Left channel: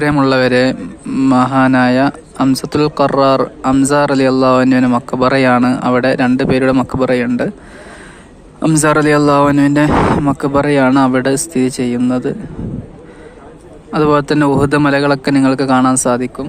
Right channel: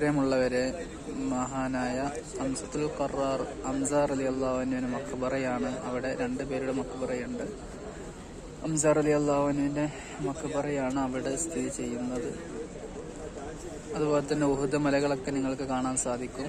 താല്പര്യമുള്ളവരെ മഹാനായ അംസത്തുൽ ഖറാർ അംസാർ അലി അള്ളാഹുവിന്റെ മക്കബറയാണ് അവിടെ രണ്ട് പേരുടെ മക്കബറയുണ്ട് അംസാർ അലി അള്ളാഹുവിന്റെ മക്കബറയാണ് അവിടെ സ്ഥിതി ചെയ്യുന്നത്. അതുപോലെ തന്നെ ഉഹുദ മലകളൊക്കെ നിങ്ങൾക്ക് കാണാൻ സാധിക്കും.